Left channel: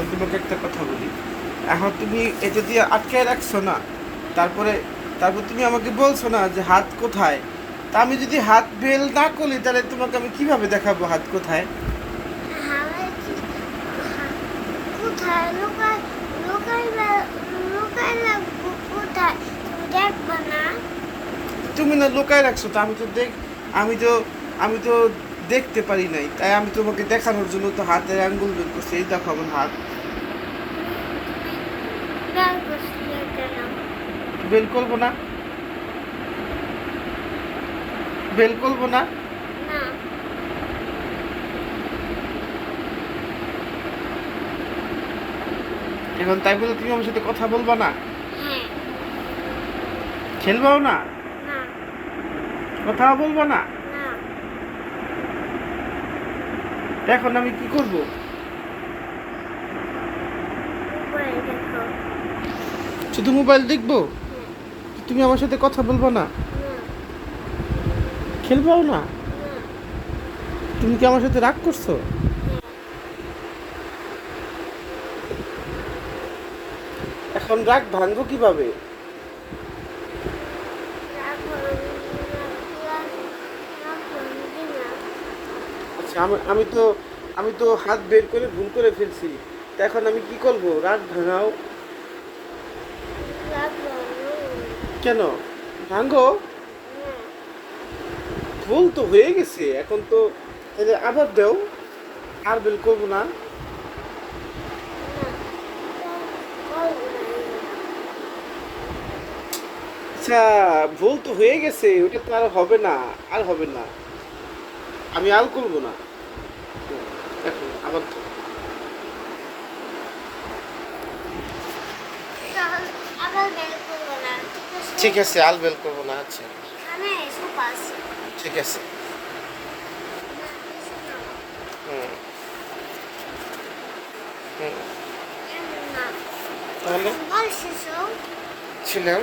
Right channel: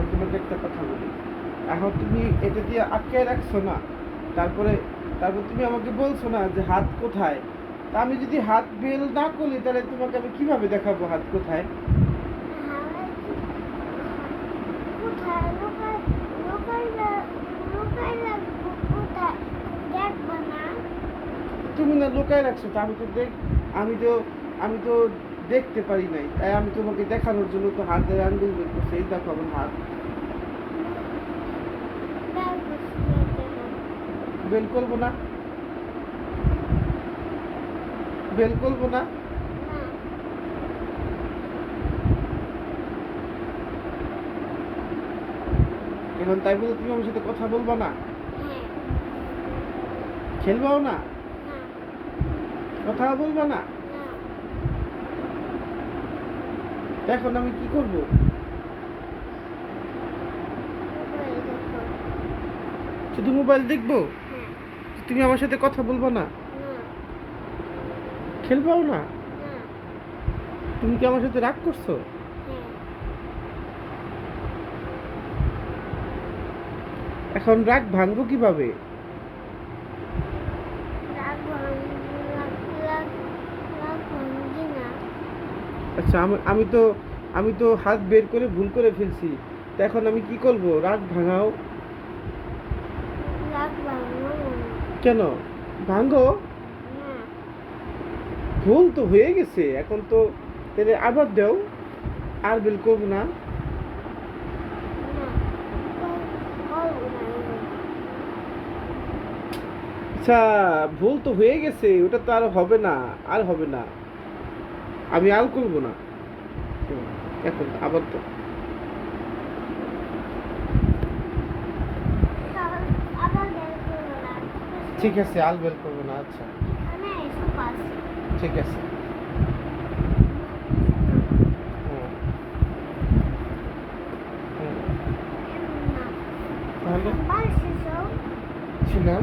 আমি তোমাকে একটা কথা বলি। এখন তুমি এটা দিয়ে আটকে রাখছো না, তারপরে তারপর তুমি আমাকে বলছো না যে হাত কোথায়। তা আমি যদি হাত বেল না করি তাহলে তোমাকে আমি কিভাবে দেখাবো হাত কোথায়? হাওয়াই কি কোথায় লুকায় লুকাইলে লুকাইলে কোথায় তুমি দেখবে না? তুমি না লুকায় রাখছো, তো আমি তো আমি তো দেখতে পারি নাই, তাই আমি তোমাকে দেখানোর জন্য তো হাতের আঙ্গুল বের করছি। এই দেখো আমার হাত। তুমি বের করছিলে কেন? বেল করবো না? বেল করবো না? না। এখন তাই বলে তুমি আমার সাথে কথা বলবা না? হ্যাঁ। খেলবাও না? না। কথাও বলবা না? না। এখন আমি কি করব? মোবাইল দেখো। শুধু মোবাইল দেখবো? হ্যাঁ। তুমি আমার সাথে কথা বলবা না? না। খেলবাও না? না। তুমি কি আমার সাথে রাগ করছো? হ্যাঁ। এখন রাগ ভাঙবো কিভাবে? রাগ ভাঙ- রাগ রাগ রাগ ভাঙবি না। আচ্ছা, আমি তো হাত বের করে ভুল করে ফেলছি। তা এখন আমি কি করব? রাগ ভাঙাও। রাগ ভাঙবো না। কেন? ভাঙো। না। ভুল তো হয়ে গেছে, এখন তো তাহলে আবার দাও। আর বেল করবো না। না। করবো না এবার। আচ্ছা, ভুল তো হয়ে গেছে, ওটা তো আর হবে না। আর হবে না। আমি আর করবো না। এখন আবার তো তাহলে আবার বের করবো না, ঠিক আছে? ঠিক আছে, আল বেল করবো না। আচ্ছা, এখানে এসব আছে। ঠিক আছে। না, কিছু না। হুম হুম না। তাহলে বল শিশু। ছিলেন